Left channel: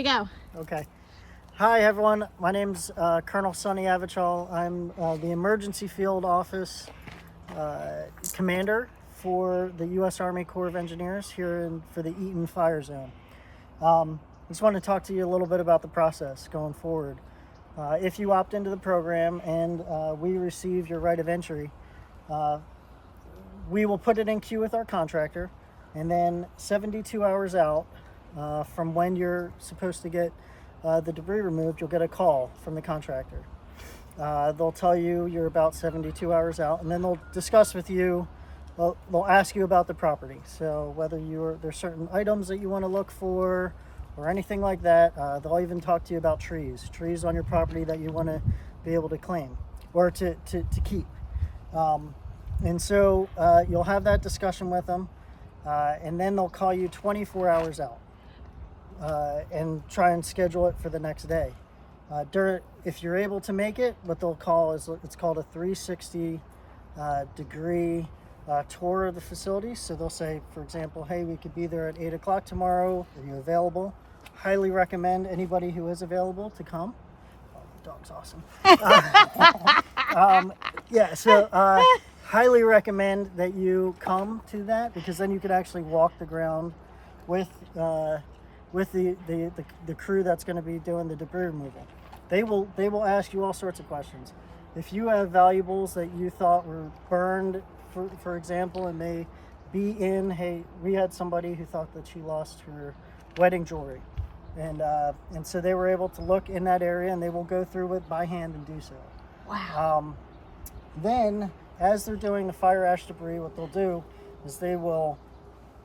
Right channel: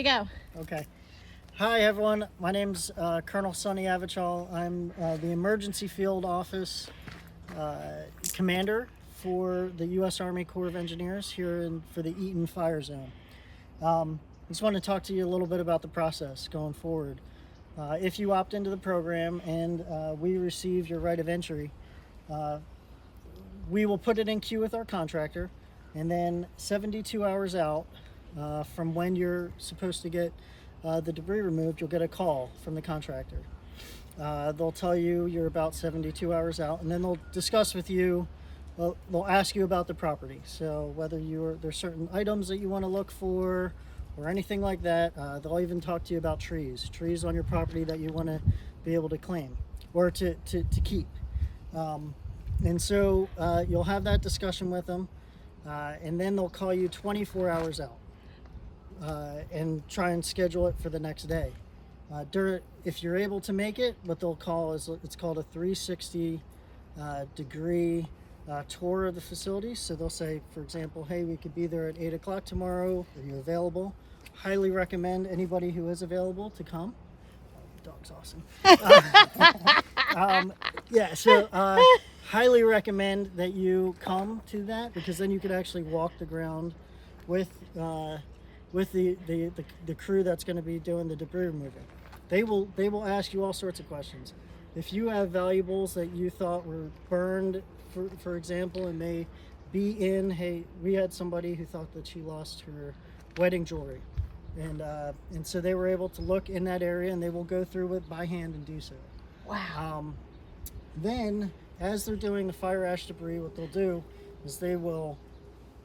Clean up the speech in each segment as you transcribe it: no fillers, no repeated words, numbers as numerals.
You go. Okay. Hi, everyone. My name's Colonel Sonny Achival. I'm the Emergency Field Office Commander for the U.S. Army Corps of Engineers here for the Eaton Fire Zone. I just want to talk to you a little bit about the process going forward. If you opt into the program and we receive your right of entry, we will put it in queue with our contractor, and then 72 hours out from when you're supposed to get the debris removed, you'll get a call from the contractor. They'll tell you you're about 72 hours out, and then they'll discuss with you. They'll ask you about the property. So whether there's certain items that you want to look for or anything like that. They'll even talk to you about trees on your property that you want to be able to claim or to keep. And so you'll have that discussion with them, and then they'll call you 24 hours out and try and schedule it for the next day. If you're able to make it, what they'll call it's called a 360 degree tour of the facility. So they'll say, for example, hey, we could be there at 8 o'clock tomorrow. Are you available? Highly recommend anybody who is available to come. Oh, the dog's awesome. Highly recommend that you come to that, because then you can actually walk the ground with the crew that's going to be doing the debris removal. They will ask you all sorts of questions. If you have valuables that you thought were burned, for example, and may be hey, we had somebody who thought that she lost her wedding jewelry, and so they were able to look in that area, and they will go through it by hand and do so. Wow. Then, as they're doing the fire ash debris, what they'll do is they will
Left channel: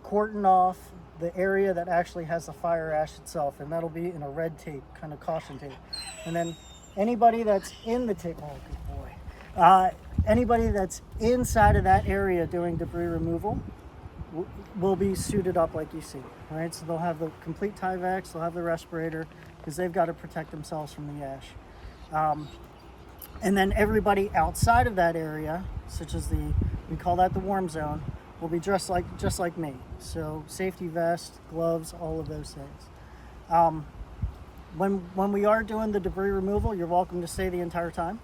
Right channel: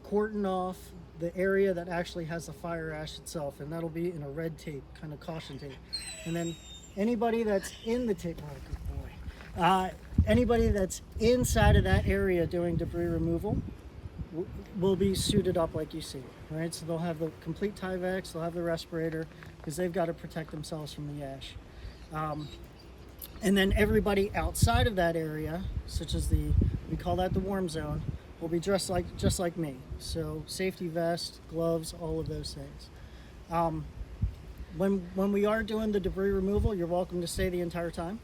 cordon off the area that actually has the fire ash itself, and that'll be in a red tape, kind of caution tape. And then anybody that's in the tape, oh good boy, anybody that's inside of that area doing debris removal will be suited up like you see, right? So they'll have the complete Tyvek, they'll have the respirator, because they've got to protect themselves from the ash. And then everybody outside of that area, such as we call that the warm zone, will be dressed just like me. So safety vest, gloves, all of those things. When we are doing the debris removal, you're welcome to stay the entire time,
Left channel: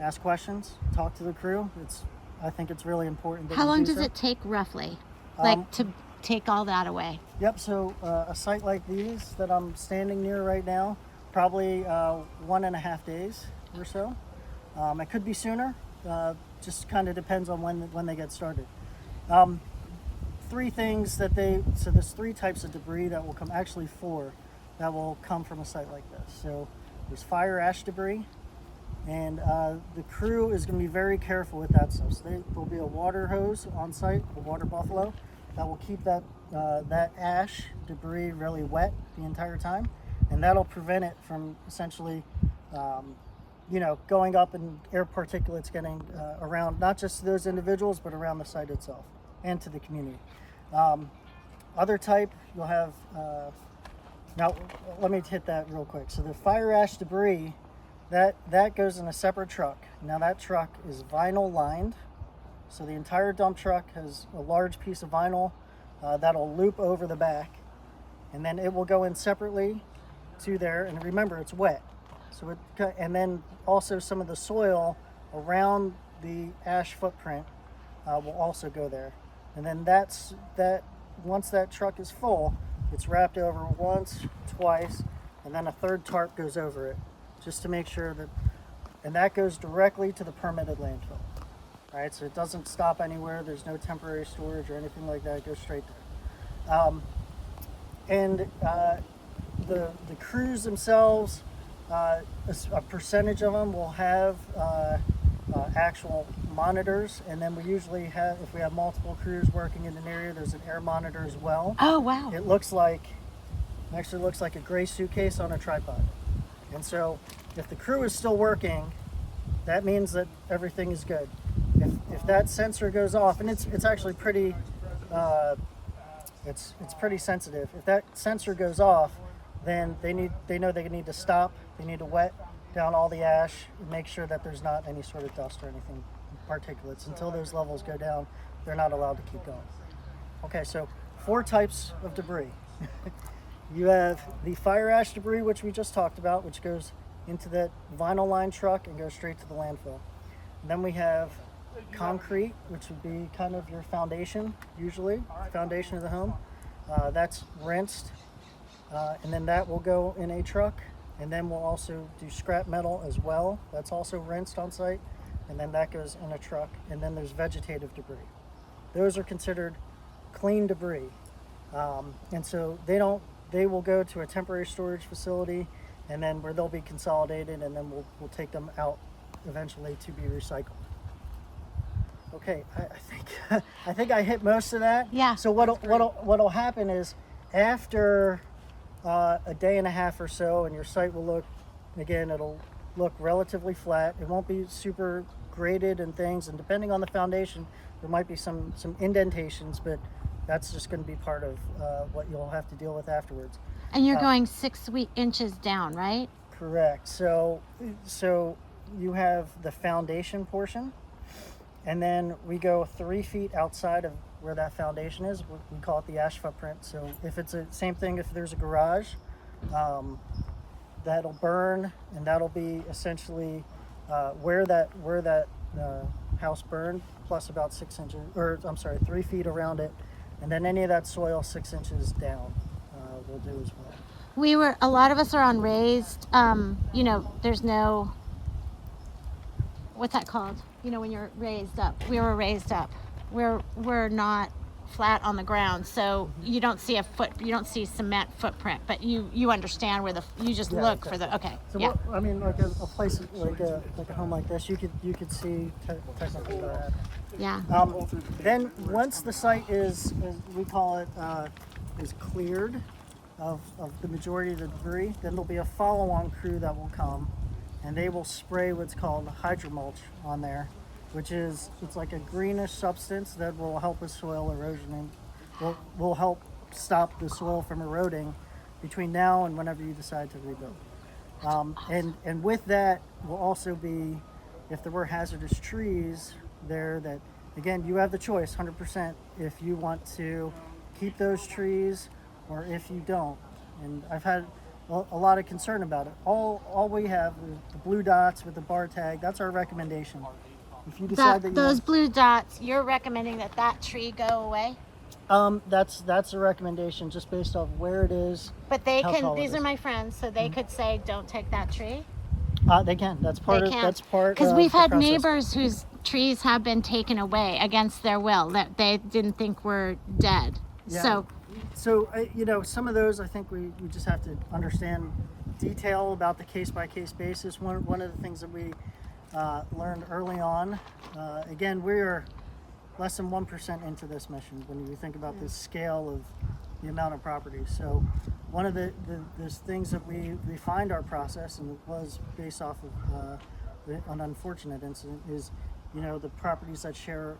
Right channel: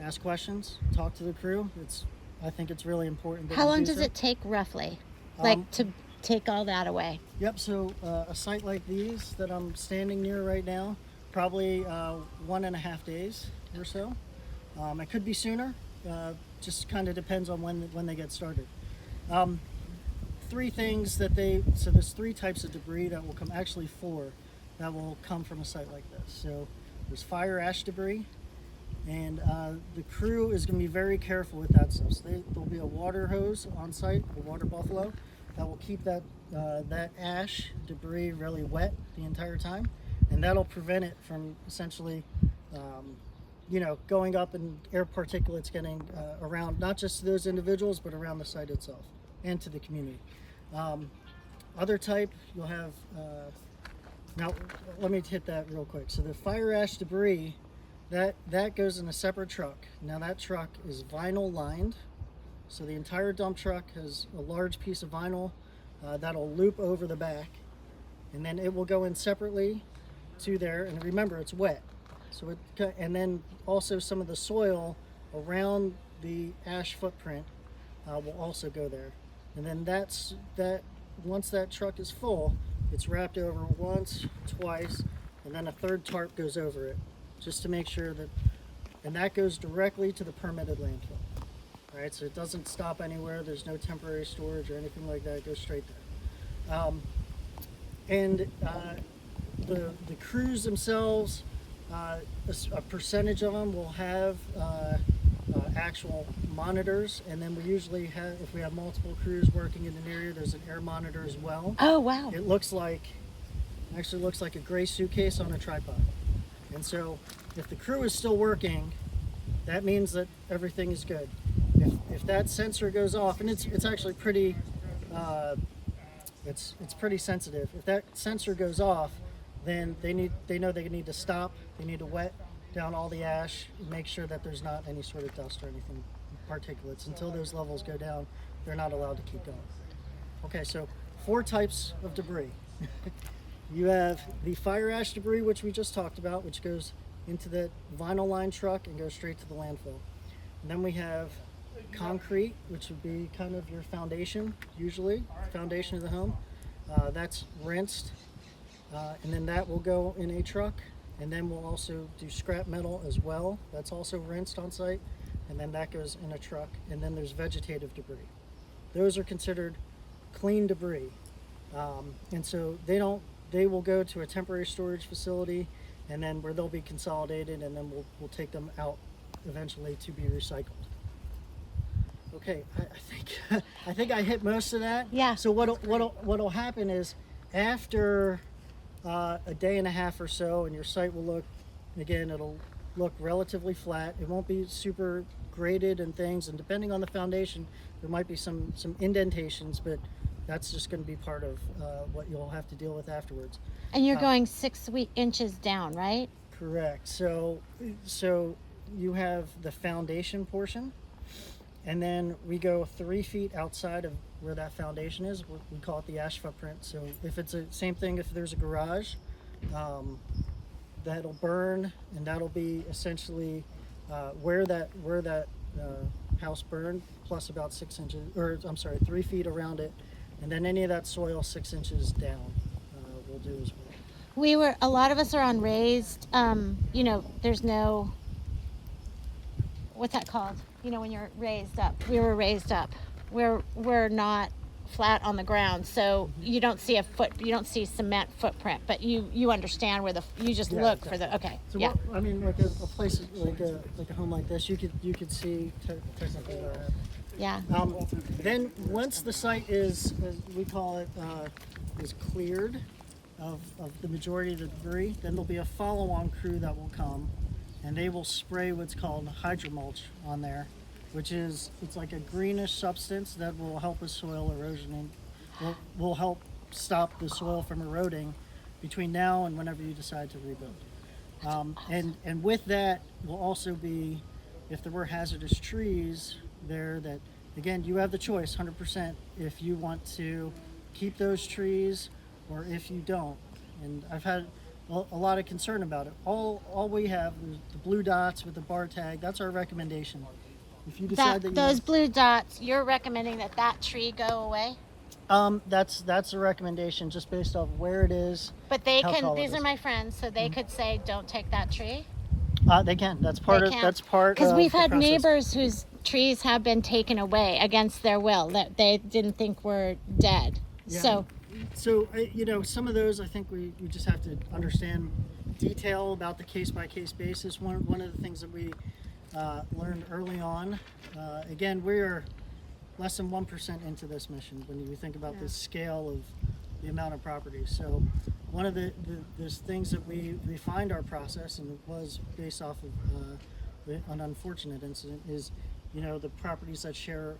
ask questions, talk to the crew. I think it's really important that How long does so. it take roughly, to take all that away? Yep. So a site like these that I'm standing near right now, probably 1.5 days or so. It could be sooner. Just kind of depends on when they get started. There's 3 types of debris that will come, actually 4, that will come from a site like this. So there's fire ash debris, and the crew is going to be very careful with that stuff. So there'll be a water hose on site, a water buffalo, that will keep that ash debris really wet the entire time, and that'll prevent it from essentially going up and air particulates getting around, not just those individuals, but around the site itself and to the community. Other type, you'll have, now let me hit that real quick. So the fire ash debris, that goes in a separate truck. Now that truck is vinyl lined. So the entire dump truck has a large piece of vinyl that'll loop over the back, and then it will go in separately to there. And remember, it's wet. So and then also some of the soil around the ash footprint will also go there. And then once that truck is full, it's wrapped over once, twice, and then a third tarp goes over it, just to make sure and that goes directly to the permitted landfill. All right, so it doesn't stop anywhere. There's no temporary storage or anything like that. It goes straight there. The crews themselves, a percentage of them will have actual monitors, and then we usually have, if we have multiple crews working in an area, there's an air monitor as well. Oh wow. It actually looks like a gray suitcase on a tripod. And so if the crew is still working, that means that everything is good. If that sensor goes off, and it's actually pretty it's pretty sensitive. If that sensor goes off, then they know they need to stop. They need to wet down all the ash and make sure that there's not any sort of dust or anything, particulates. Until those levels go down, they're not allowed to keep going. Okay, so 4 types of debris. You have the fire ash debris, which we just talked about, which goes into that vinyl line truck and goes straight to the landfill. And then we have concrete, which would be kind of your foundation, usually, foundation of the home. That's rinsed, and then that will go in a truck. And then we'll also do scrap metal as well. That's also rinsed on site, and then that goes in a truck. And then there's vegetative debris. Those are considered clean debris, and so they will go to a temporary storage facility, and then where they'll be consolidated, and then we'll take them out eventually to be recycled. Okay, I think I hit most of that. Yeah. So what'll happen is after a day and a half or so, and your site will look, again, it'll look relatively flat. It won't be super graded and things, and depending on the foundation, there might be some indentations, but that's just going to be part of what you'll have to deal with afterwards. And you're going 6 inches down, right? Correct. So you have the foundation portion, and then we go 3 feet outside of where that foundation is. We call it the ash footprint. So if it's the same thing, if there's a garage, that'll burn, and that'll be essentially where that house burned, plus about 6 inches, or I'm sorry, 3 feet around it, and then any of that soil 6 inches down will do as well. A lot of us are on raised, there's no, what's that called? When you're raised up. We were raised up. We're not flat on the ground, so you don't see you don't see cement footprint, but you understand where you just look exactly. for the, okay. So yeah. what, I mean, like a place like a home like this, you could see technically where it happened. Yeah. Then once the site is we call it, is cleared of the majority of the debris, then there'll be a follow-on crew that will come, and they will spray what's called hydromulch on there, which is, it's like a greenish substance that will help with soil erosion and will help stop the soil from eroding between now and whenever you decide to rebuild. And with that will also be, if there were hazardous trees there, that again, you have the choice 100% if you want to keep those trees or if you don't. And I've had a lot of concern about it. All we have is the blue dots with the bar tag. That's our recommendation. If you decide that you those want, blue dots, you're recommending that tree go away? that's a recommendation just based on where it is. But these are my friends, so they could say, don't take that tree? They can. That's part of because we've the had process. neighbors whose trees have been taken away against their will that they didn't think were dead. Yeah. So some of those, I think we just have to understand detail about the case-by-case basis. One of the things that we learned early on, again, we're less than 1% into this mission when you think about the scale of the amount of properties. So one of the things that we refined our process, and it was based off of an unfortunate incident, is the properties that share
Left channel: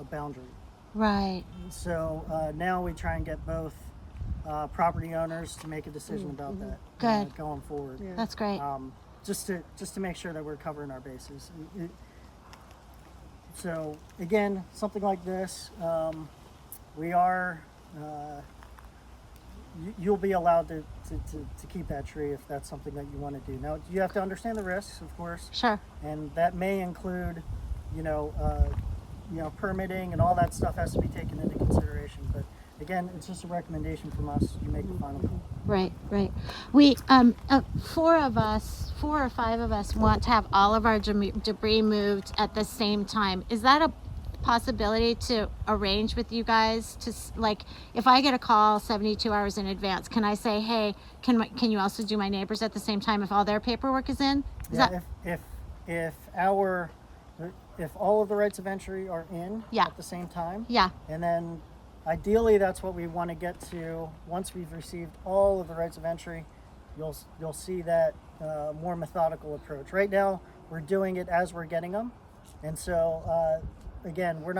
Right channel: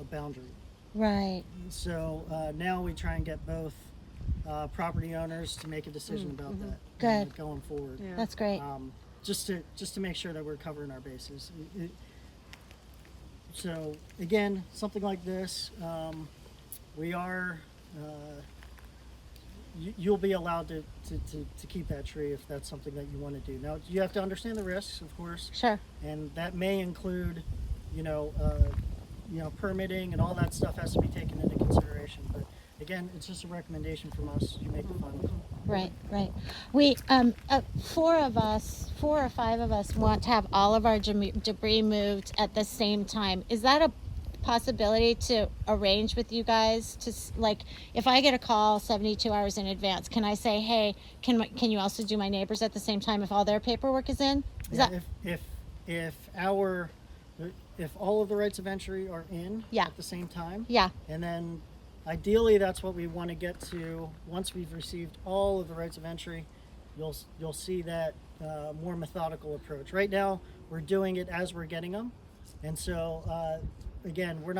a boundary. right. So now we try and get both property owners to make a decision about that. Good. Going forward. Yeah. That's great. Just to make sure that we're covering our bases. So again, something like this, we are. You'll be allowed to keep that tree if that's something that you want to do. Now you have to understand the risks, of course, Sure. and that may include, permitting and all that stuff has to be taken into consideration. But again, it's just a recommendation from us. You make the final call. Right. We, 4 or 5 of us want to have all of our debris moved at the same time. Is that a possibility to arrange with you guys to, like, if I get a call 72 hours in advance, can I say, hey, can you also do my neighbors at the same time if all their paperwork is in? If all of the rights of entry are in Yeah. at the same time, Yeah. and then ideally that's what we want to get to once we've received all of the rights of entry. You'll see that more methodical approach. Right now we're doing it as we're getting them, and so again, we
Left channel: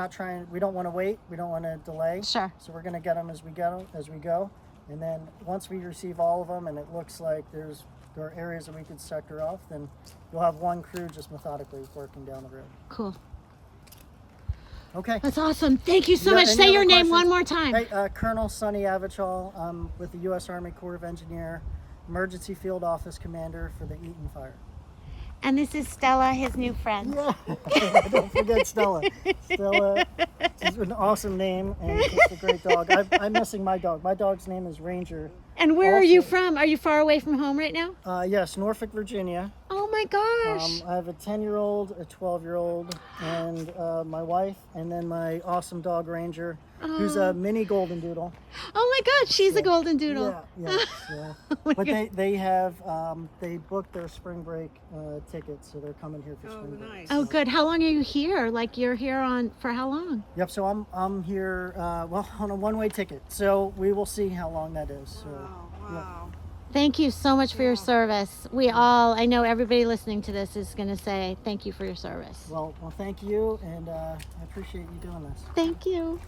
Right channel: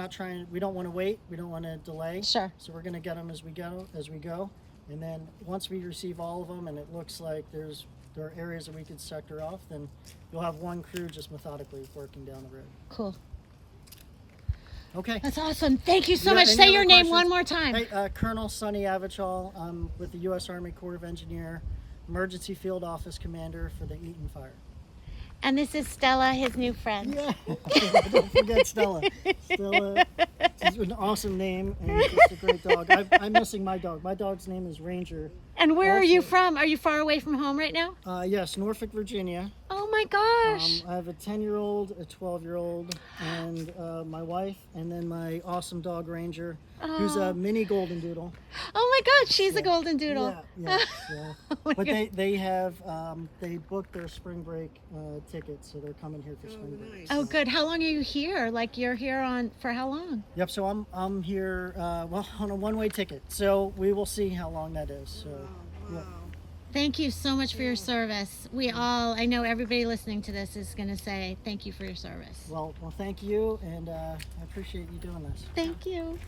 don't want to wait, we don't want to delay. Sure. So we're going to get them as we go, and then once we receive all of them and it looks like there are areas that we could sector off, then you'll have one crew just methodically working down the road. Cool. Okay. That's awesome. Thank you so You got much. any Say other your name questions? one more time. Hey, Colonel Sonny Achival. I'm with the U.S. Army Corps of Engineer, Emergency Field Office Commander for the Eaton Fire. And this is Stella, his new friend. Yeah, don't forget Stella. Stella is an awesome name and just a great dog. I'm missing my dog. My dog's name is Ranger. And where are you Also- from? Are you far away from home right now? Yes, Norfolk, Virginia. Oh my gosh. I have a 10-year-old, a 12-year-old, and my wife, and then my awesome dog Ranger, who's a mini golden doodle. Oh my God, she's a golden doodle. Yeah. Oh my But God. they have they booked their spring break tickets, so they're coming here for spring break. nice. Oh good. How long are you here? Like you're here on for how long? Yep. So I'm here well on a one-way ticket, so we will see how long that is. So. Wow. Thank you so much for your service. I know everybody listening to this is going to say thank you for your service. Well, thank you, and I appreciate you doing this. Thank you.